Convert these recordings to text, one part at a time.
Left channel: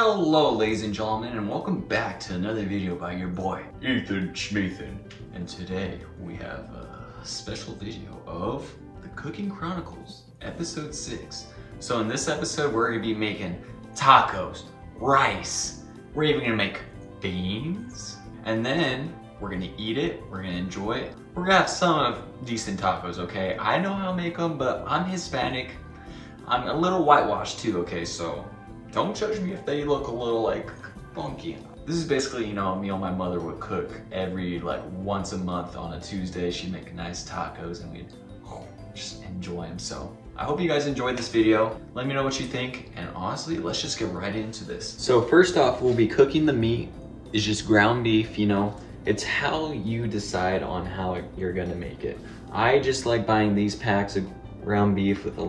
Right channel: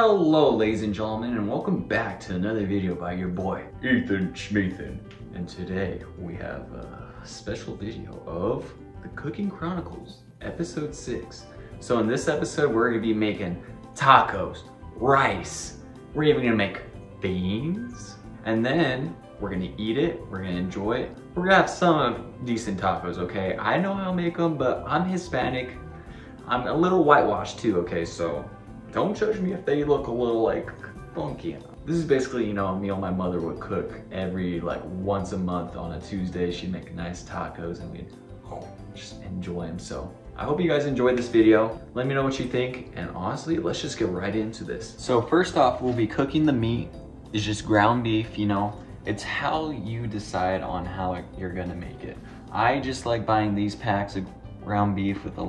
Hello ladies and gentlemen, and welcome back to another video by your boy Ethan Shmethan. And today we have a special video of the Cooking Chronicles episode 6. So in this episode we're going to be making tacos, rice, we're even going to make beans, and then we're going to eat it, we're going to enjoy it. We're going to have some decent tacos, okay? I know how to make them, but I'm Hispanic. I'm a little whitewashed too, okay? So don't judge me if they look a little like funky. This is basically, you know, a meal my mother would cook every once a month on a Tuesday. She'd make nice tacos and we'd just enjoy them. So I hope you guys enjoyed this video. Let me know what you think. And honestly, let's just get right into this. So first off, we'll be cooking the meat. It's just ground beef, you know. It's how you decide on how you're gonna make it. I just like buying these packs of ground beef with a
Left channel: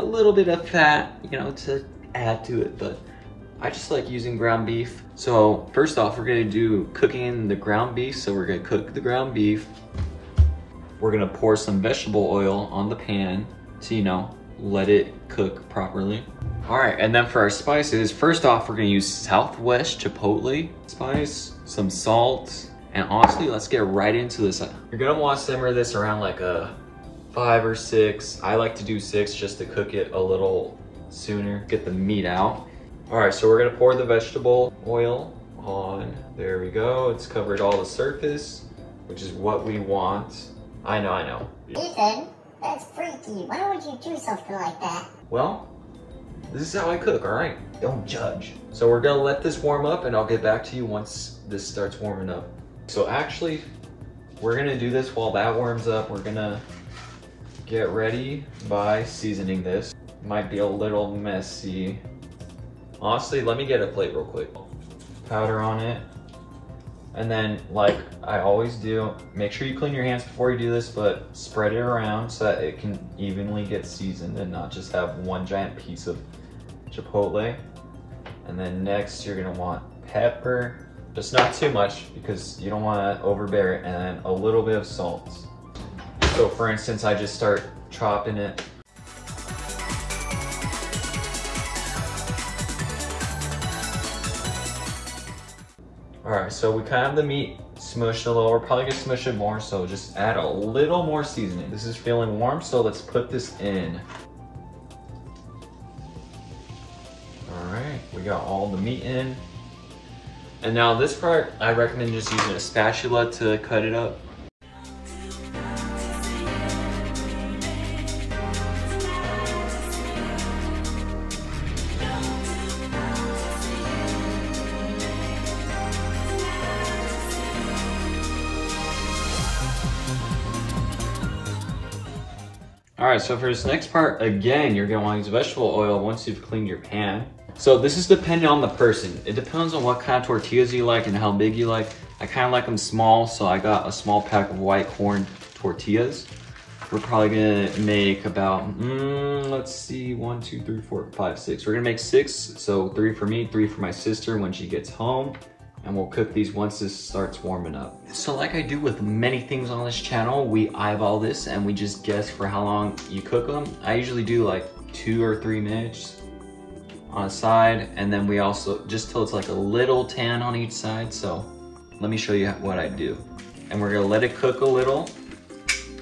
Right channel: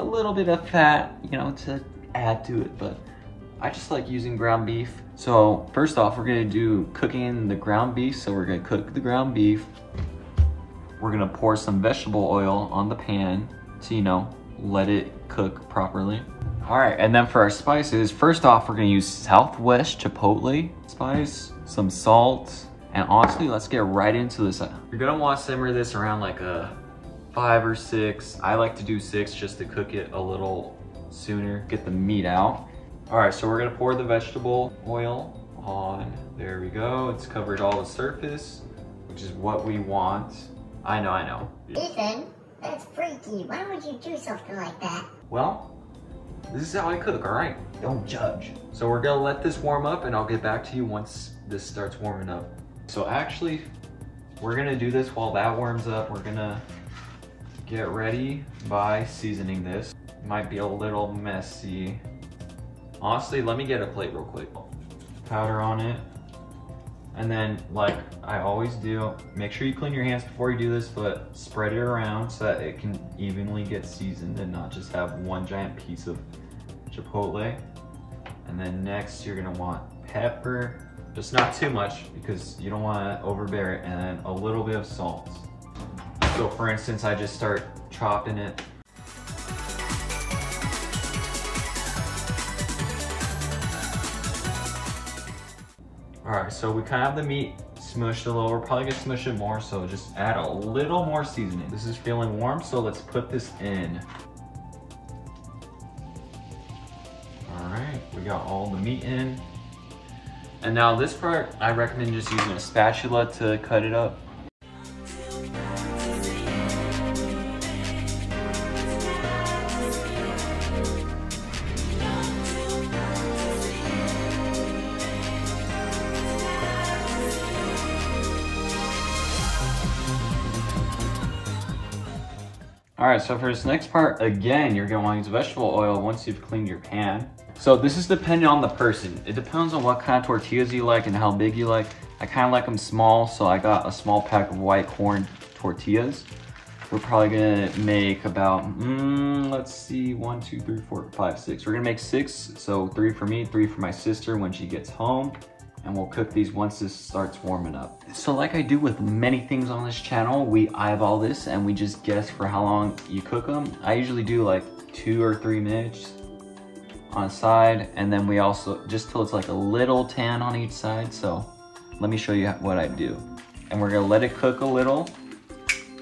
little bit of fat, to add to it, but I just like using ground beef. So first off, we're gonna do cooking the ground beef. So we're gonna cook the ground beef. We're gonna pour some vegetable oil on the pan to, let it cook properly. All right, and then for our spices, first off, we're gonna use Southwest Chipotle spice, some salt, and honestly, let's get right into this. You're gonna wanna simmer this around like a 5 or 6. I like to do 6 just to cook it a little sooner, get the meat out. All right, so we're gonna pour the vegetable oil on. There we go. It's covered all the surface, which is what we want. I know. Ethan, that's freaky. Why would you do something like that? Well, this is how I cook, all right? Don't judge. So we're gonna let this warm up and I'll get back to you once this starts warming up. So actually, we're gonna do this while that warms up. We're gonna get ready by seasoning this. Might be a little messy. Honestly, let me get a plate real quick. Powder on it. And then, like I always do, make sure you clean your hands before you do this, but spread it around so that it can evenly get seasoned and not just have one giant piece of chipotle. And then next, you're gonna want pepper. Just not too much because you don't wanna overbear it, and then a little bit of salt. So for instance, I just start chopping it. All right, so we kind of have the meat smushed a little. We're probably gonna smush it more, so just add a little more seasoning. This is feeling warm, so let's put this in. All right, we got all the meat in. And now this part, I recommend just using a spatula to cut it up. All right, so for this next part, again, you're gonna wanna use vegetable oil once you've cleaned your pan. So this is dependent on the person. It depends on what kind of tortillas you like and how big you like. I kind of like them small, so I got a small pack of white corn tortillas. We're probably gonna make about, let's see, 1, 2, 3, 4, 5, 6. We're gonna make 6, so 3 for me, 3 for my sister when she gets home. And we'll cook these once this starts warming up. So like I do with many things on this channel, we eyeball this and we just guess for how long you cook them. I usually do like 2 or 3 minutes on a side, and then we also, just till it's like a little tan on each side. So let me show you what I do. And we're gonna let it cook a little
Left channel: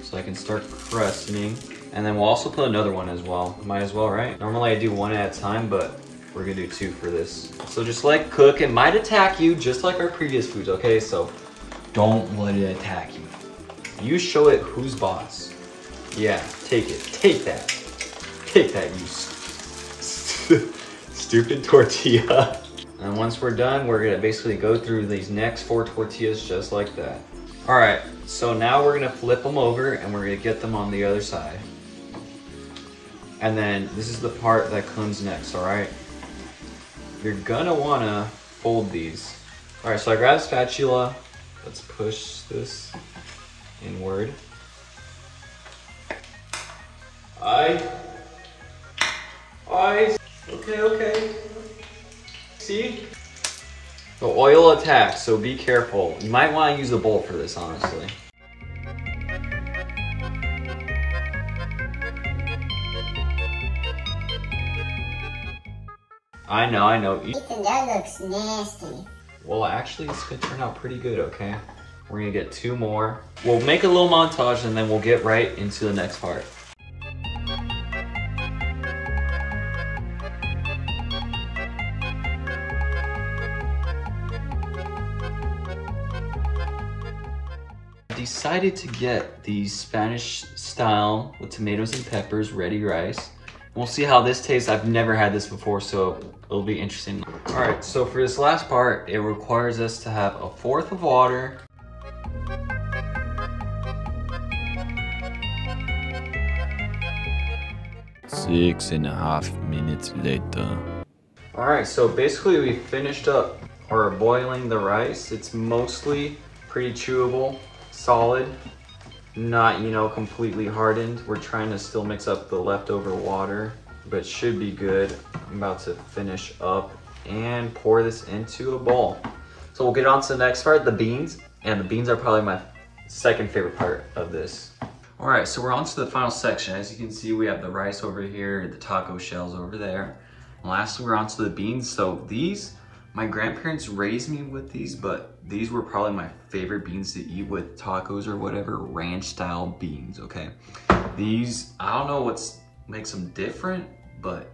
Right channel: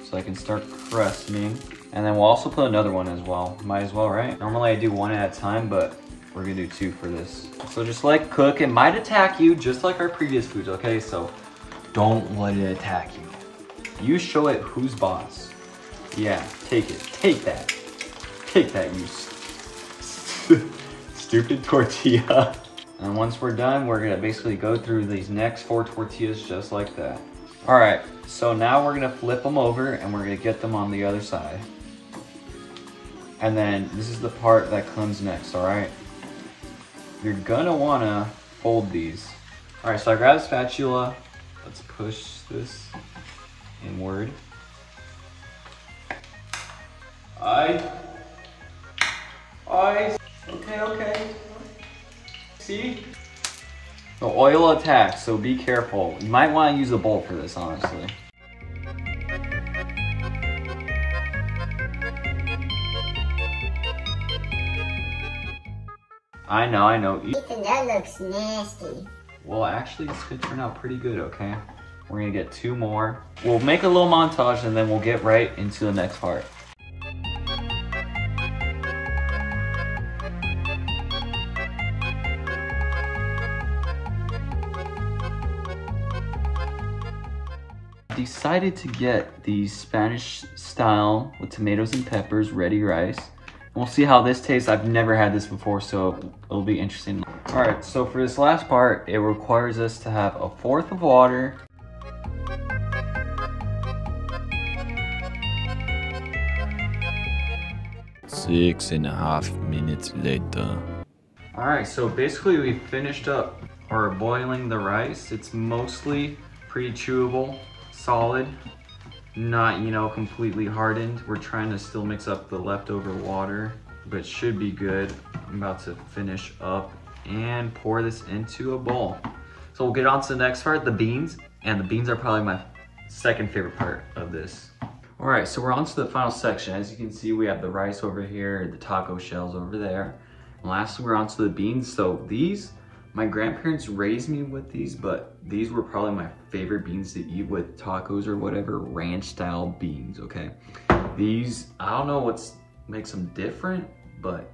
so I can start crusting. And then we'll also put another one as well. Might as well, right? Normally I do 1 at a time, but we're gonna do 2 for this. So just let it cook. It might attack you just like our previous foods, okay? So don't let it attack you. You show it who's boss. Yeah, take it, take that. Take that, you stupid tortilla. And once we're done, we're gonna basically go through these next 4 tortillas just like that. All right, so now we're gonna flip them over and we're gonna get them on the other side. And then this is the part that comes next, all right? You're gonna wanna fold these. All right, so I grabbed a spatula. Let's push this inward. Okay. See? The oil attacks, so be careful. You might wanna use a bowl for this, honestly. I know. Ethan, that looks nasty. Well, actually, this could turn out pretty good, okay? We're gonna get 2 more. We'll make a little montage and then we'll get right into the next part. Decided to get the Spanish style with tomatoes and peppers ready rice. We'll see how this tastes. I've never had this before, so it'll be interesting. All right, so for this last part, it requires us to have 1/4 of water. Six and a half minutes later. All right, so basically we finished up or boiling the rice. It's mostly pretty chewable, solid, not, you know, completely hardened. We're trying to still mix up the leftover water, but should be good. I'm about to finish up and pour this into a bowl. So we'll get on to the next part, the beans. And the beans are probably my second favorite part of this. All right, so we're on to the final section. As you can see, we have the rice over here, the taco shells over there. And lastly, we're on to the beans. So these, my grandparents raised me with these, but these were probably my favorite beans to eat with tacos or whatever, ranch style beans, okay? These, I don't know what makes them different, but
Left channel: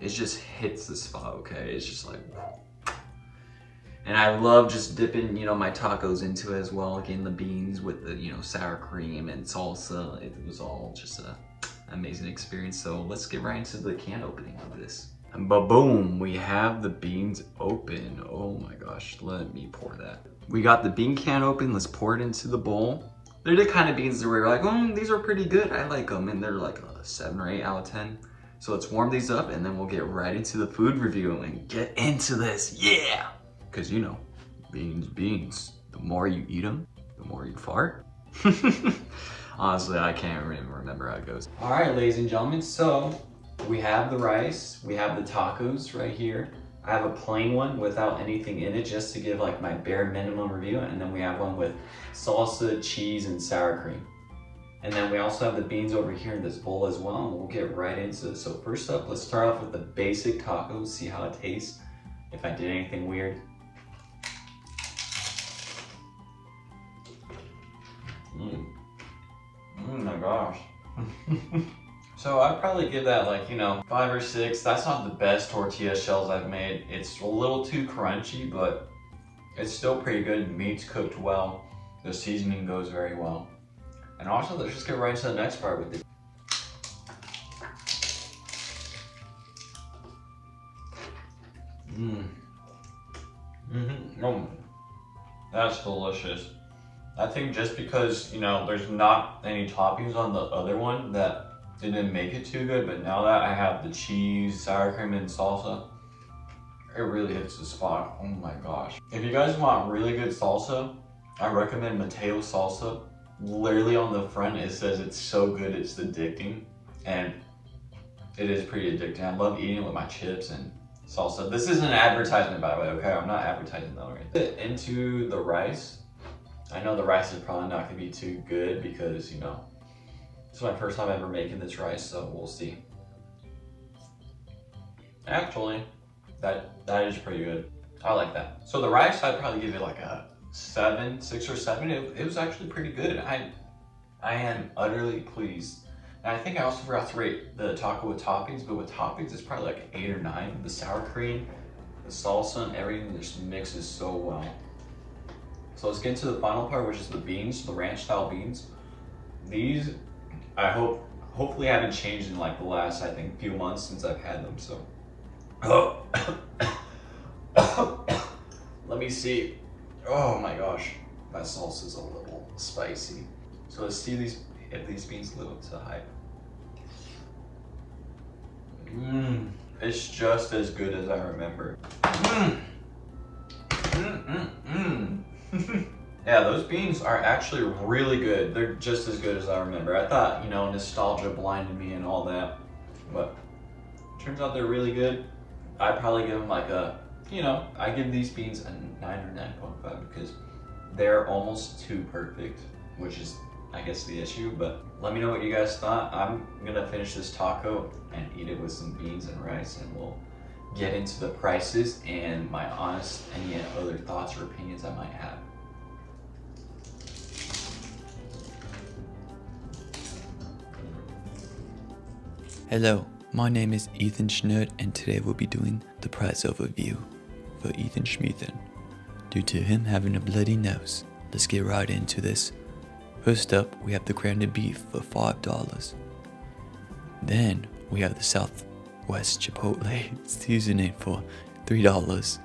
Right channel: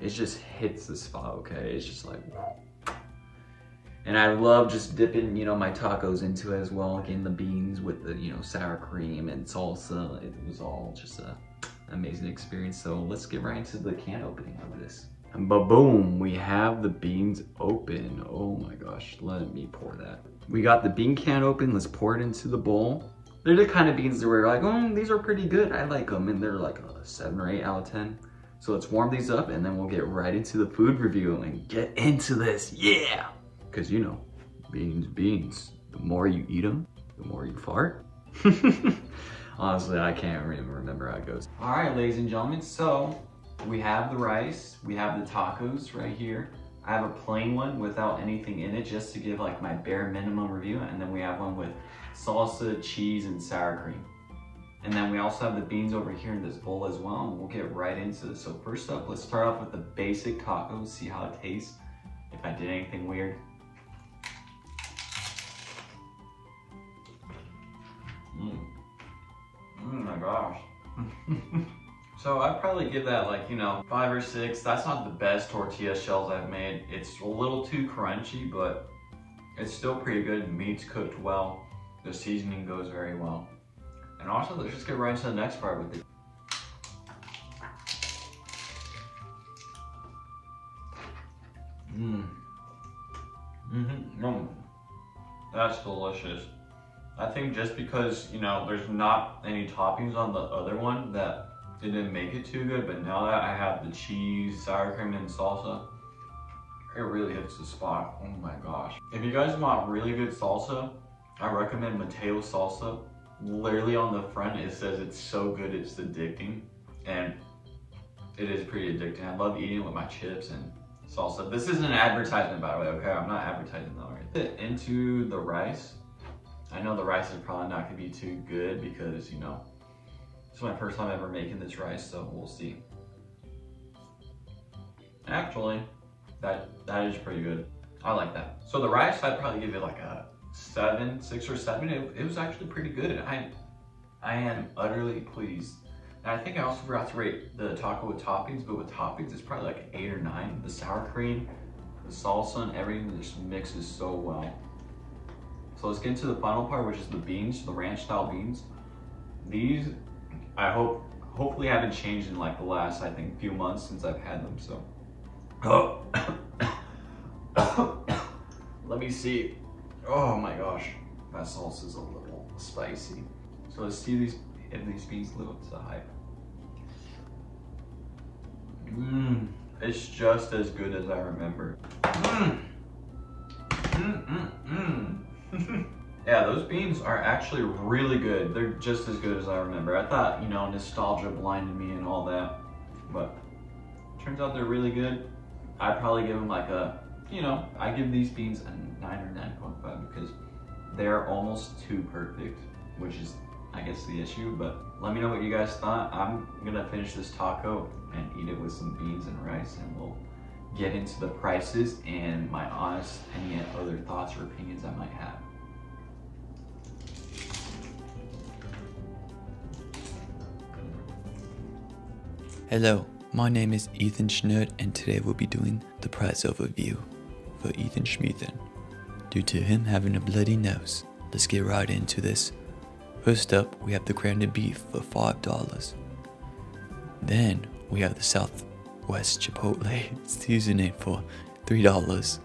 it just hits the spot, okay? It's just like, and I love just dipping, you know, my tacos into it as well. Again, the beans with the, you know, sour cream and salsa. It was all just an amazing experience. So let's get right into the can opening of this. And ba-boom, we have the beans open. Oh my gosh, let me pour that. We got the bean can open. Let's pour it into the bowl. They're the kind of beans that we're like, oh, these are pretty good. I like them. And they're like a 7 or 8 out of 10. So let's warm these up and then we'll get right into the food review and get into this. Yeah. Because, you know, beans. The more you eat them, the more you fart. Honestly, I can't even remember how it goes. All right, ladies and gentlemen, so we have the rice, we have the tacos right here. I have a plain one without anything in it just to give like my bare minimum review. And then we have one with salsa, cheese, and sour cream. And then we also have the beans over here in this bowl as well. And we'll get right into it. So first up, let's start off with the basic tacos, see how it tastes. If I did anything weird. Oh my gosh. So I'd probably give that like, you know, 5 or 6. That's not the best tortilla shells I've made. It's a little too crunchy, but it's still pretty good. Meat's cooked well. The seasoning goes very well. And also, let's just get right into the next part with it. That's delicious. I think just because, you know, there's not any toppings on the other one that it didn't make it too good, but now that I have the cheese, sour cream, and salsa, it really hits the spot. Oh my gosh. If you guys want really good salsa, I recommend Mateo salsa. Literally on the front, it says it's so good, it's addicting. And it is pretty addicting. I love eating it with my chips and salsa. This isn't an advertisement, by the way, okay? I'm not advertising that right. Into the rice. I know the rice is probably not gonna be too good because, you know, it's my first time ever making this rice, so we'll see. Actually, that is pretty good. I like that. So the rice, I'd probably give it like a 6 or 7. It was actually pretty good. I am utterly pleased. And I think I also forgot to rate the taco with toppings, but with toppings, it's probably like an 8 or 9. The sour cream, the salsa, and everything just mixes so well. So let's get into the final part, which is the beans, the ranch style beans. These, I hopefully haven't changed in like the last, I think, few months since I've had them, so. Let me see. Oh my gosh, my sauce is a little spicy. So let's see if these beans live up to the hype. It's just as good as I remember. Yeah, those beans are actually really good. They're just as good as I remember. I thought, you know, nostalgia blinded me and all that, but it turns out they're really good. I'd probably give them like a, you know, I give these beans a 9 or 9.5 because they're almost too perfect, which is, I guess, the issue. But let me know what you guys thought. I'm gonna finish this taco and eat it with some beans and rice, and we'll get into the prices and my honest, any other thoughts or opinions I might have. Hello, my name is Ethan Shmethan, and today we'll be doing the price overview for Ethan Shmethan. Due to him having a bloody nose, let's get right into this. First up, we have the grounded beef for $5. Then we have the Southwest Chipotle seasoning for $3.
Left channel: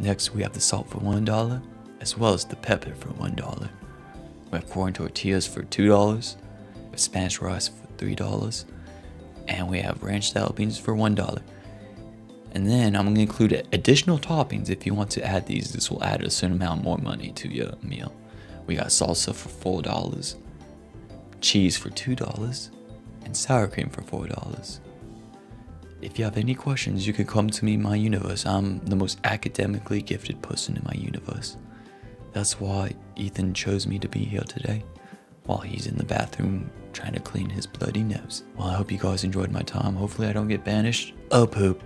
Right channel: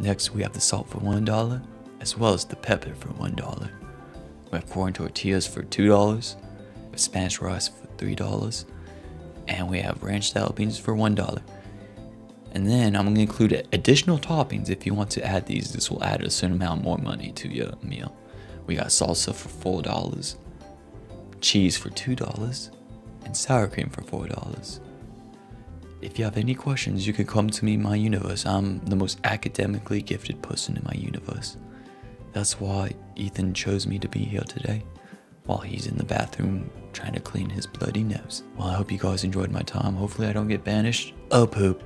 Next, we have the salt for $1, as well as the pepper for $1. We have corn tortillas for $2, Spanish rice for $3, and we have ranch style beans for $1. And then I'm going to include additional toppings if you want to add these. This will add a certain amount more money to your meal. We got salsa for $4, cheese for $2, and sour cream for $4. If you have any questions, you can come to me in my universe. I'm the most academically gifted person in my universe. That's why Ethan chose me to be here today, while he's in the bathroom trying to clean his bloody nose. Well, I hope you guys enjoyed my time. Hopefully I don't get banished. Oh, poop.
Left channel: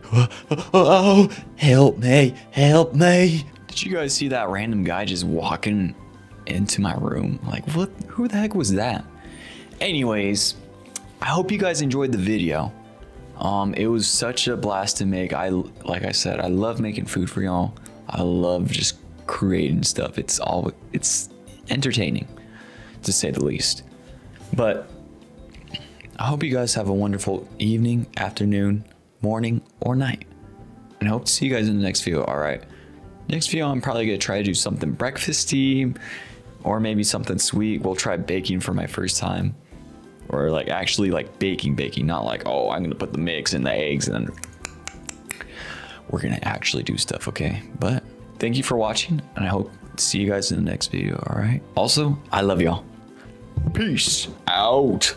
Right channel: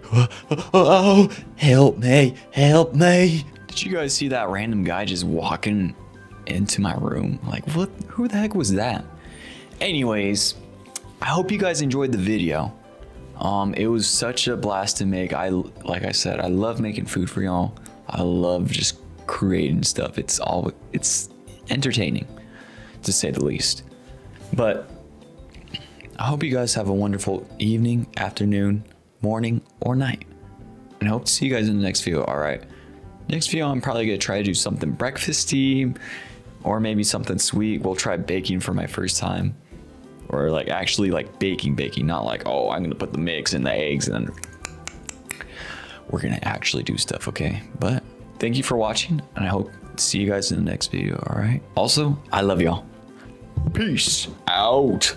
Oh, help me, help me. Did you guys see that random guy just walking into my room? Like, what? Who the heck was that? Anyways, I hope you guys enjoyed the video. It was such a blast to make. Like I said, I love making food for y'all. I love just creating stuff. It's entertaining, to say the least. But I hope you guys have a wonderful evening, afternoon, morning, or night. And I hope to see you guys in the next video, alright? Next video, I'm probably going to try to do something breakfasty, or maybe something sweet. We'll try baking for my first time. Or like actually like baking, not like, oh, I'm going to put the mix and the eggs and then we're going to actually do stuff, okay? But thank you for watching, and I hope to see you guys in the next video, alright? Also, I love y'all. Peace out.